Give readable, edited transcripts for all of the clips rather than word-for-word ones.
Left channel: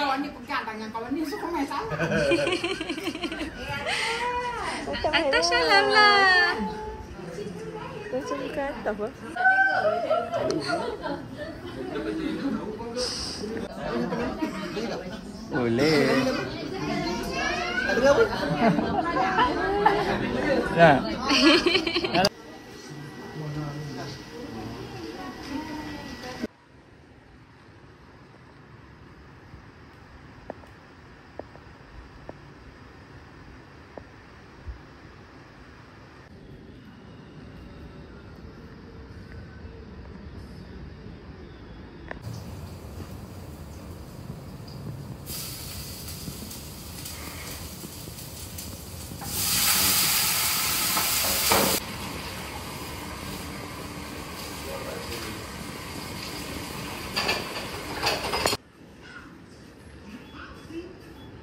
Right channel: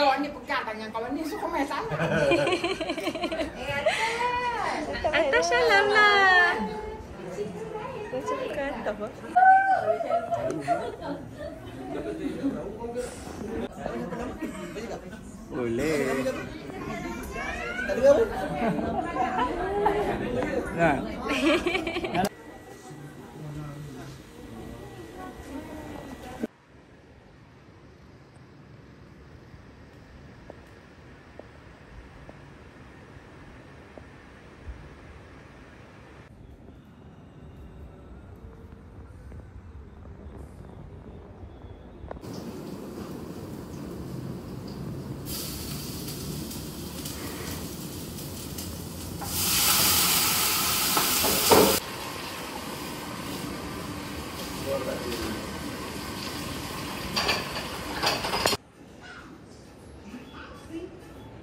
Kau ni pegang tangan kawan ni, so kau main salah. Atas salam lah. Macam kata apa? Boleh. Tak dengar pun. Nah.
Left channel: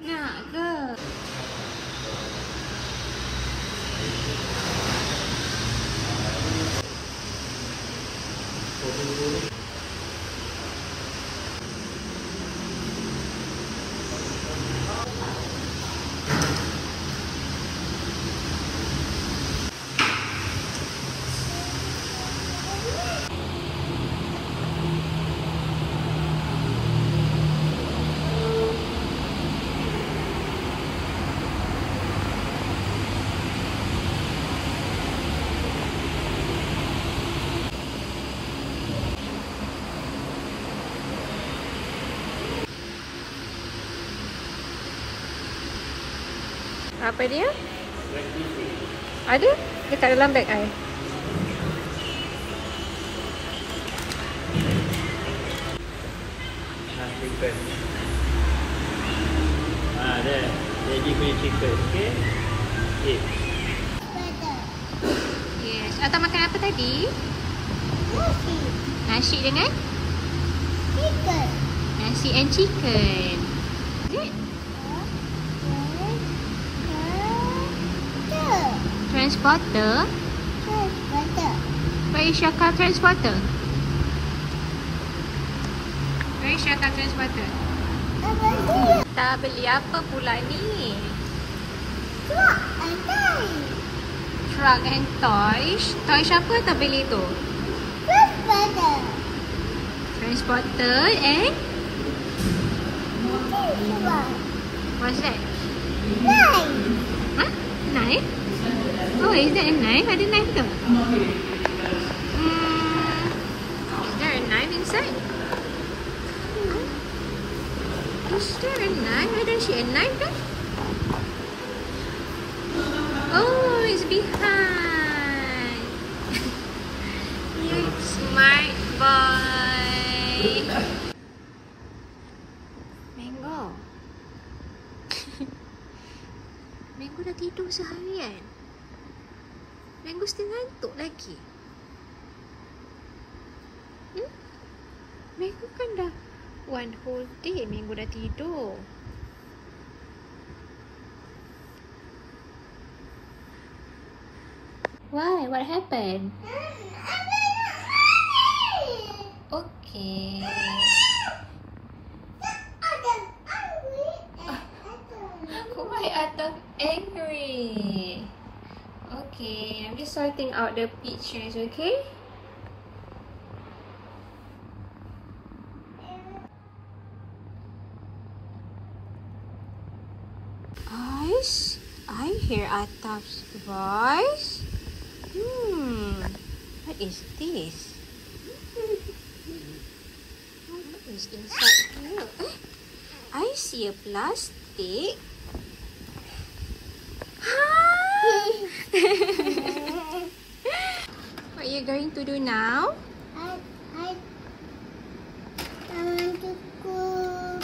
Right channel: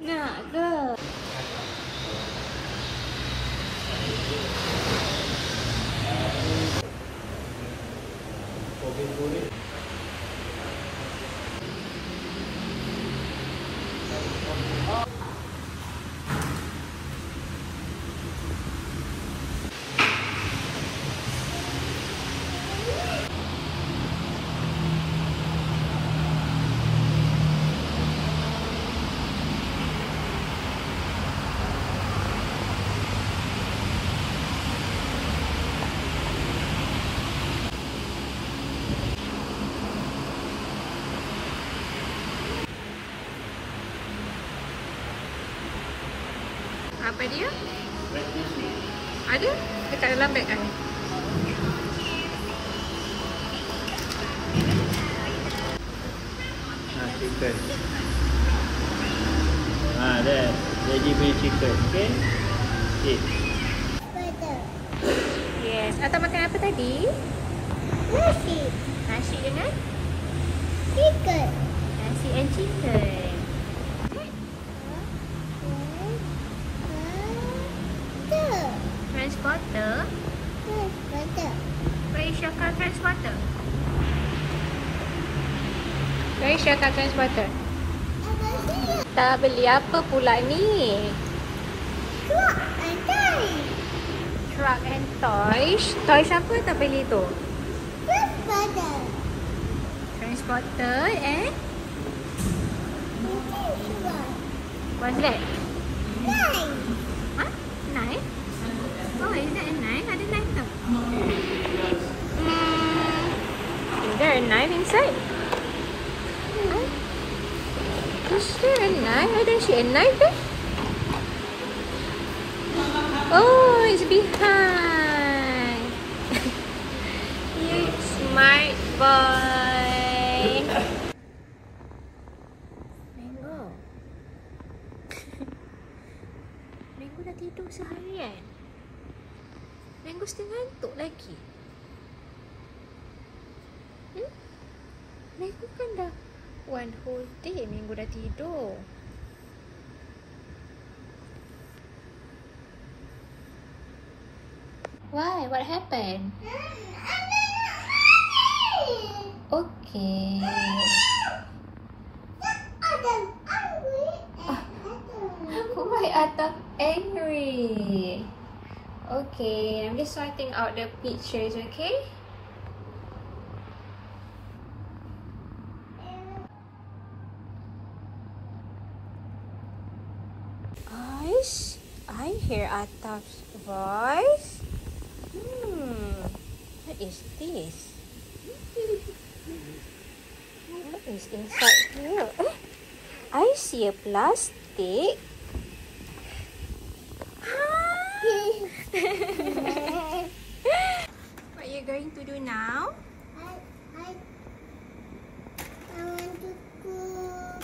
Nak ke? Apa dia? Ada? Dekat dalam beg I. Nah, chicken. Dah. Jadi beli chicken, okey? Eat. Yes. Atau makan apa tadi? Nasi. Nasi dengan? Chicken. Nasi and chicken. Okay. Transporter? Where is your car transporter? Where is your car transporter? Tak beli apa pula ni? Truck and toys. Toys apa tak beli tu? Transporter and? What's that? Huh? Knife? Oh, is that a knife? Ada knife ke? Is there a knife inside? Is there a knife? I don't see a knife there. Oh, it's behind. You smart boy. Mango. Mango dah tidur seharian. Mango still ngantuk lagi. Mango kan dah one whole day Mango dah tidur. Why? What happened? Okay. Why Atta angry? Okay, I'm just sorting out the pictures, okay? Guys, I hear Atap's voice. What is this? What is inside here? I see a plastic. What are you going to do now? I want to cook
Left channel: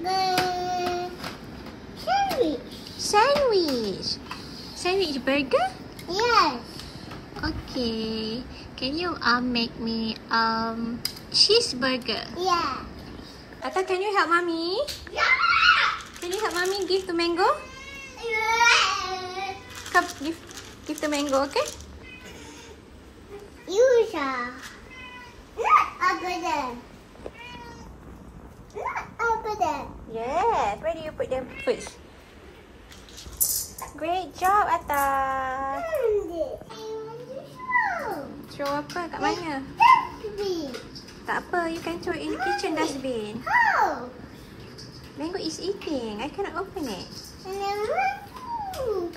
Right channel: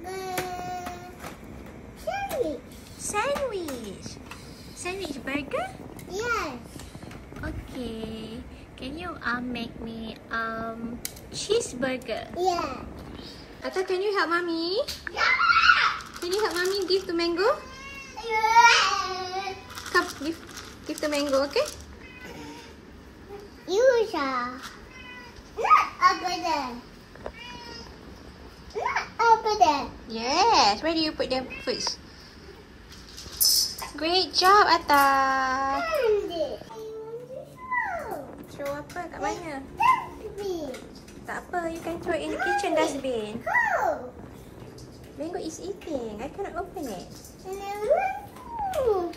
the sandwich. Sandwich burger? Yes. Okay. Can you make me cheeseburger? Yeah. Atta, can you help mommy? Can you help mommy give to Mango? Come, give to Mango, okay? Yusha. Apa dah? over there. Yes. Where do you put them first? Great job, Atta. And this. I want to show. Throw apa? Kat mana? Dustbin. Tak apa. You can throw it in the kitchen dustbin. How? Mango is eating. I cannot open it. And I want to.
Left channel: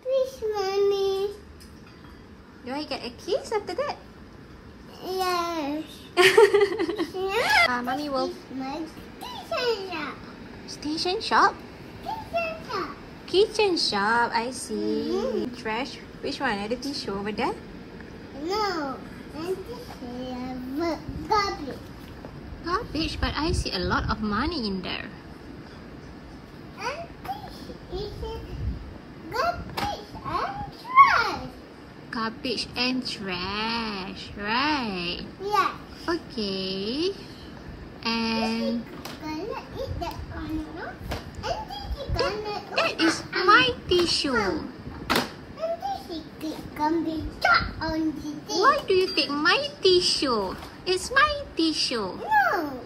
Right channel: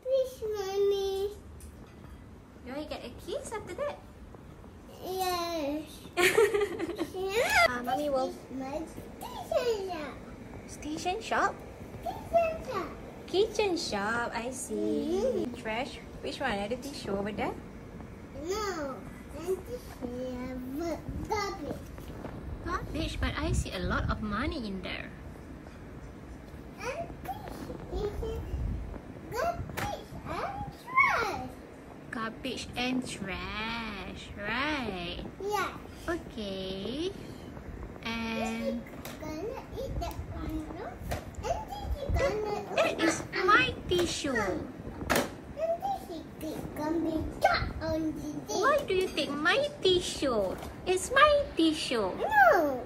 Please, Mommy. Do I get a kiss after that? Yes. Mommy will... My station shop. Station shop? Station shop. Kitchen shop. I see. Trash. Which one? Ada tissue over there? No. And this is garbage. Garbage, but I see a lot of money in there. And this is garbage and trash. Garbage and trash. Right. Yes. Okay. And Gonna eat that one, no? And this is gonna that is my tissue. And this is gonna be stuck on the thing. Why do you take my tissue? It's my tissue. No.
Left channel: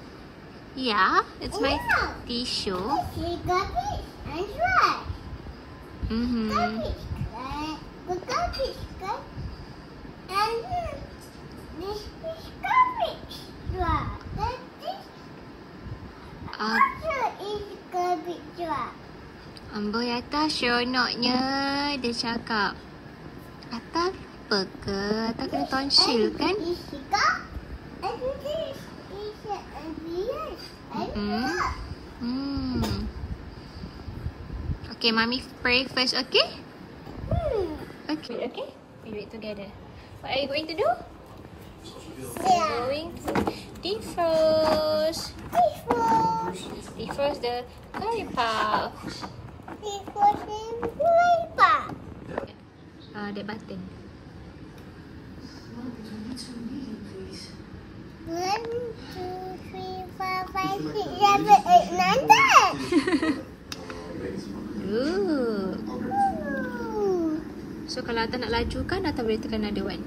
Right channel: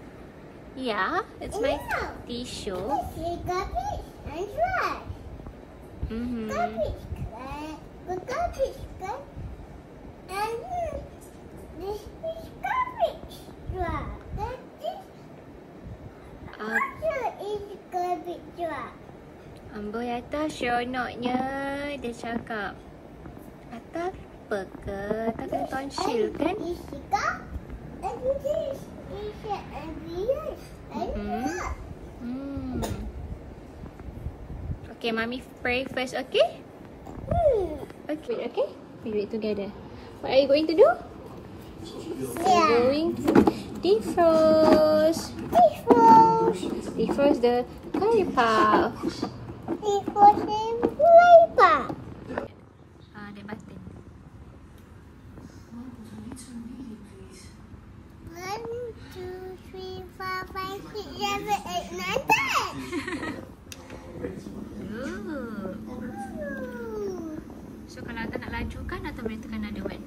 Yeah, it's my No. tissue. This is garbage and trash. Garbage. The garbage. And this is garbage. Trash. And this also is garbage trash. Amboi Atta seronoknya dia cakap. Atta lupa ke? Atta kena tonsil kan? And this is cup. And this is a beer. And Okay, Mommy pray first, okay? Okay, okay. You need to do that. What are you going to do? yeah. Going to defrost. Defrost the curry puff. This was a paper. That button. 1, 2, 3, 4, 5, 6, 7, 8, 9, 10. Ooh. So kalau Atta nak laju kan, Atta boleh tekan another one.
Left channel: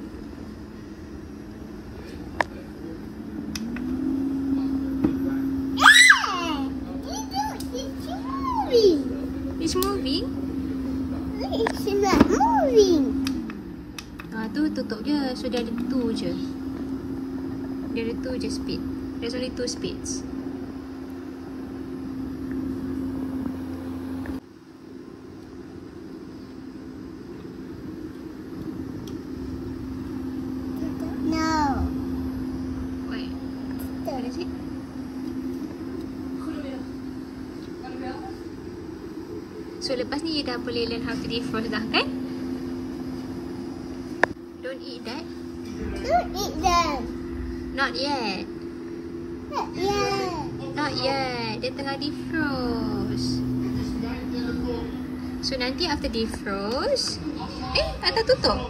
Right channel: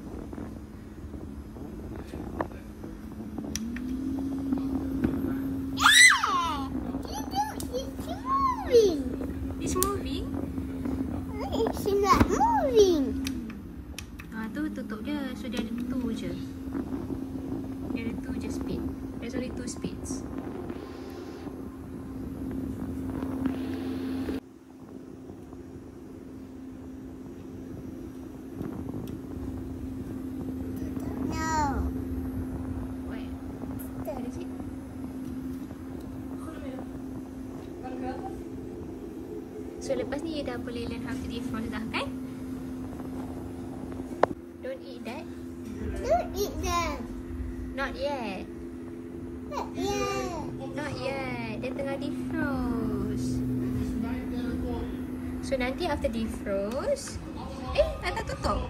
It's moving. It's moving. It's not moving. Tu tutup je. So dia ada 2 je. Dia ada 2 je speed. There's only 2 speeds. No. Wait. What is it? So lepas ni you dah boleh learn how to defrost dah kan? Don't eat that. Don't eat them. Not yet. Yeah. Not yet. Dia tengah defrost. So nanti after defrost, Atta tutup.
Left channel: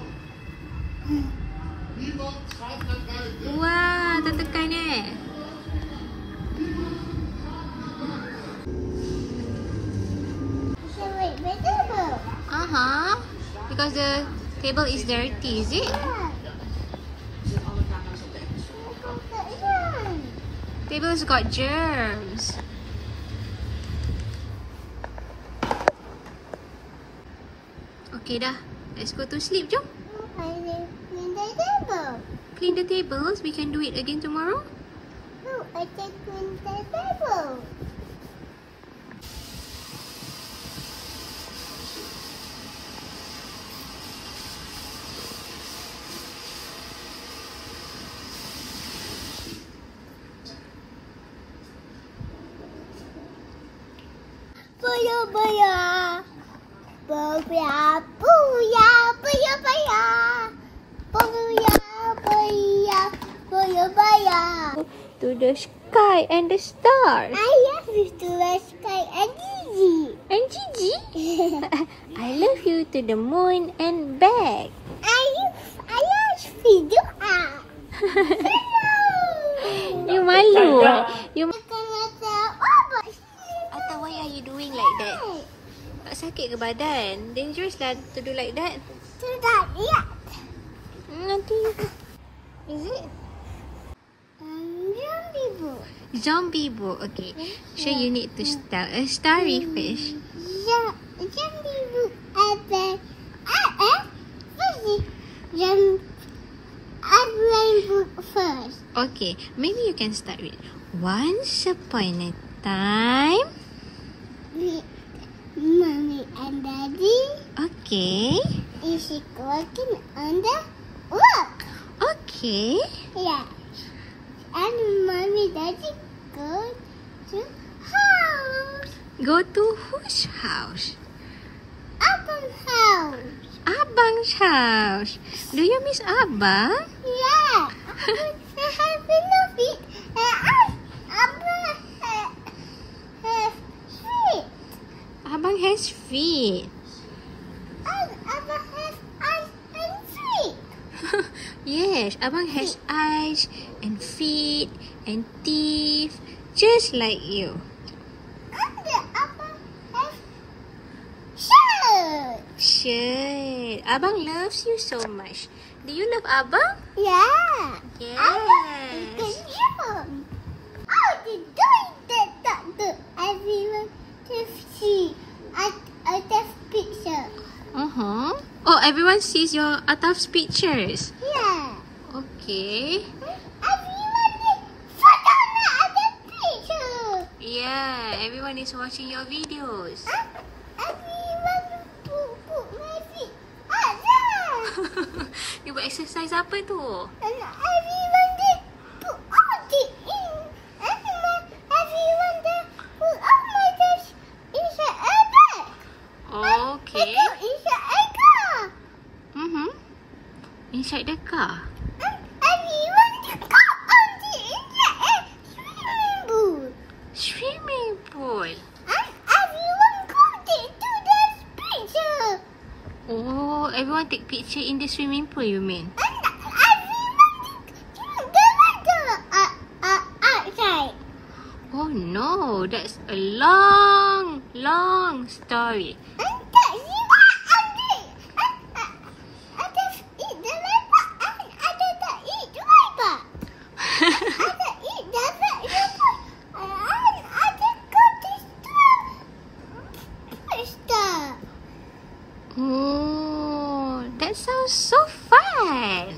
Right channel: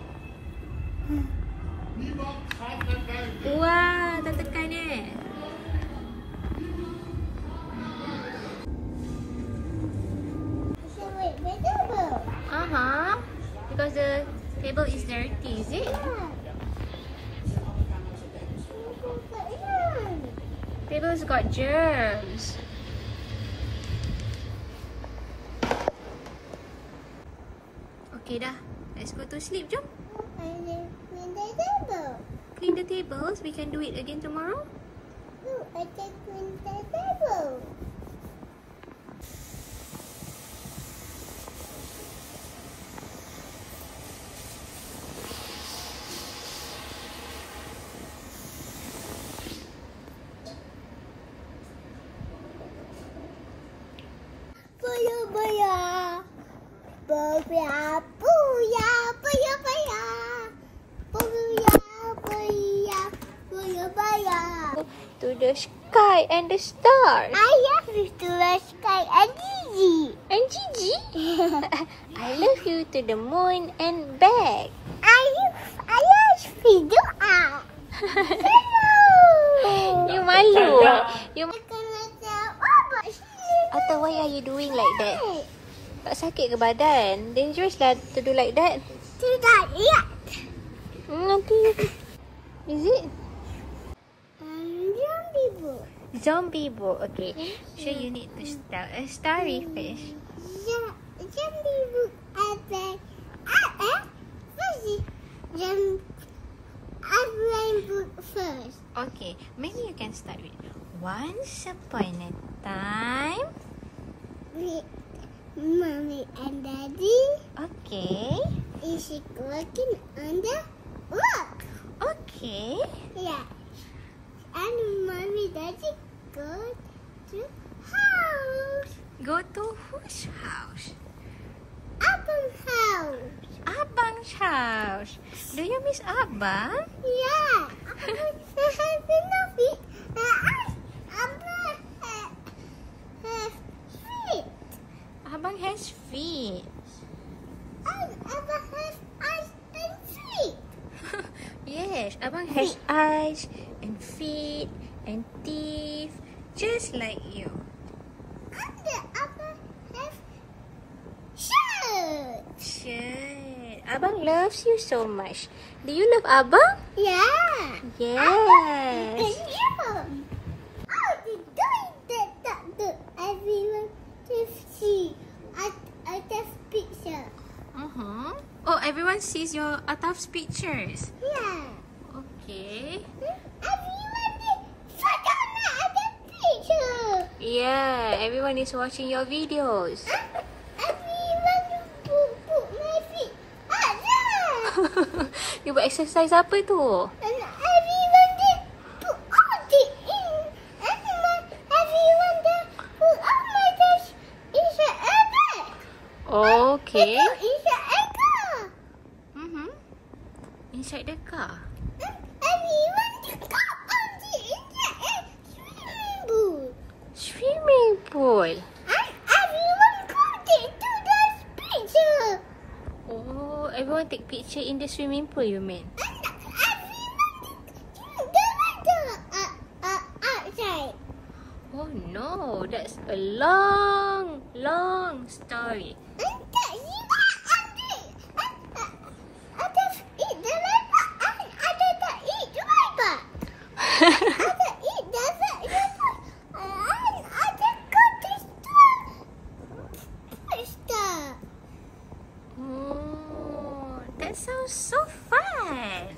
Wah, tak tekan So wait, better. Because the table is dirty, is it? Yeah. Table's got germs. Okay dah. Let's go to sleep, jom. I will clean the table. Clean the tables. We can do it again tomorrow. No, I can clean the table. Booyah, booyah. Booyah, booyah, booyah, booyah. Booyah, booyah, booyah, booyah. To the sky and the stars. I love you to the sky and Gigi. And Gigi. I love you to the moon and back. I love video out. Hello. You malu. You Atta, why are you doing like that? Tak sakit ke badan? Dangerous lah to do like that. Tidak lihat. Nanti. Is it? Zombie book. Zombie boat. Okay. So you need to start a starry fish. Zombie book first. Okay. Maybe you can start with once upon a time. Mommy and Daddy Okay. is working on the work. Okay. Yeah. And Mommy Daddy go to house. Go to whose house? Abang house. Abang's house. Do you miss Abang? Yeah. I have enough it. Abang has feet. Abang has eyes and feet. Yes, Abang has eyes and feet and teeth, just like you. And Abang has shirt. Shit, Abang loves you so much. Do you love Abang? Yeah. Yes. Can you? Oh, they're doing that to everyone to see at the picture. Oh, everyone sees your Ataf's pictures. Yeah. Okay. Everyone is photo at the picture. Yeah, everyone is watching your videos. Everyone put my feet at there. You buat exercise apa tu? And everyone did put all the in. Everyone did put all my dish inside a bag. Okay. Put inside a car. Inside the car. And everyone did go on the inside a swimming pool. Swimming pool. And everyone got it to the picture. Oh, everyone take picture in the swimming pool, you mean? And everyone did the water outside. Oh no, that's a long, long story. And that's what I did. I just eat the leper and I just eat the leper. I just eat the leper and I just got this stuff. Oh, that sounds so fun.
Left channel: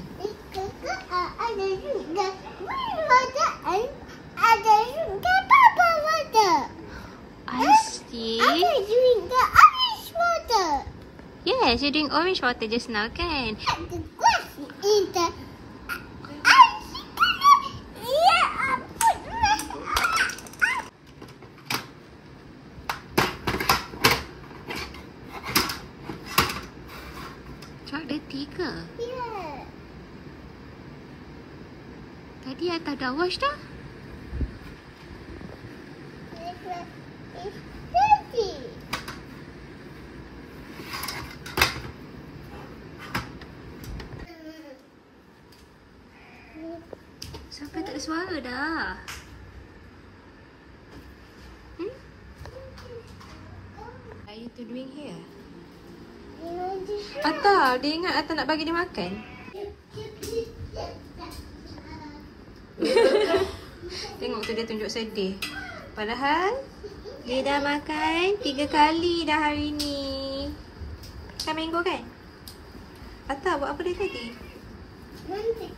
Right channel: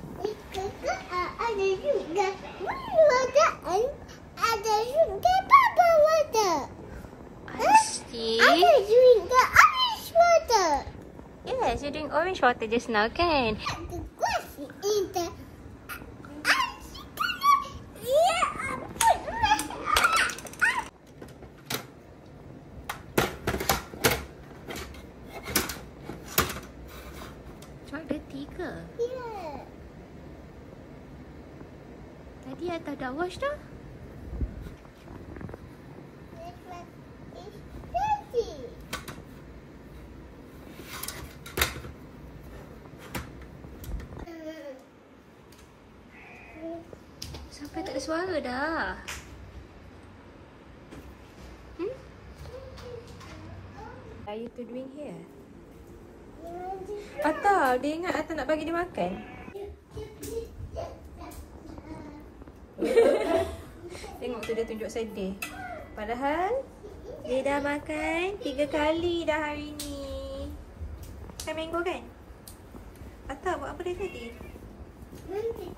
Ada juga water and ada juga bubble water. I see. Ada juga orange water. Yes, you're doing orange water just now, kan? The grass in the Truck ada 3. Yeah. Tadi Ataf dah wash dah? Sampai tak ada suara dah. What are you two doing here? Ataf, dia ingat Ataf nak bagi dia makan? Tengok tu dia tunjuk sedih. Padahal dia dah makan 3 kali dah hari ni. Kan mango kan? Ataf buat apa dia tadi? Nanti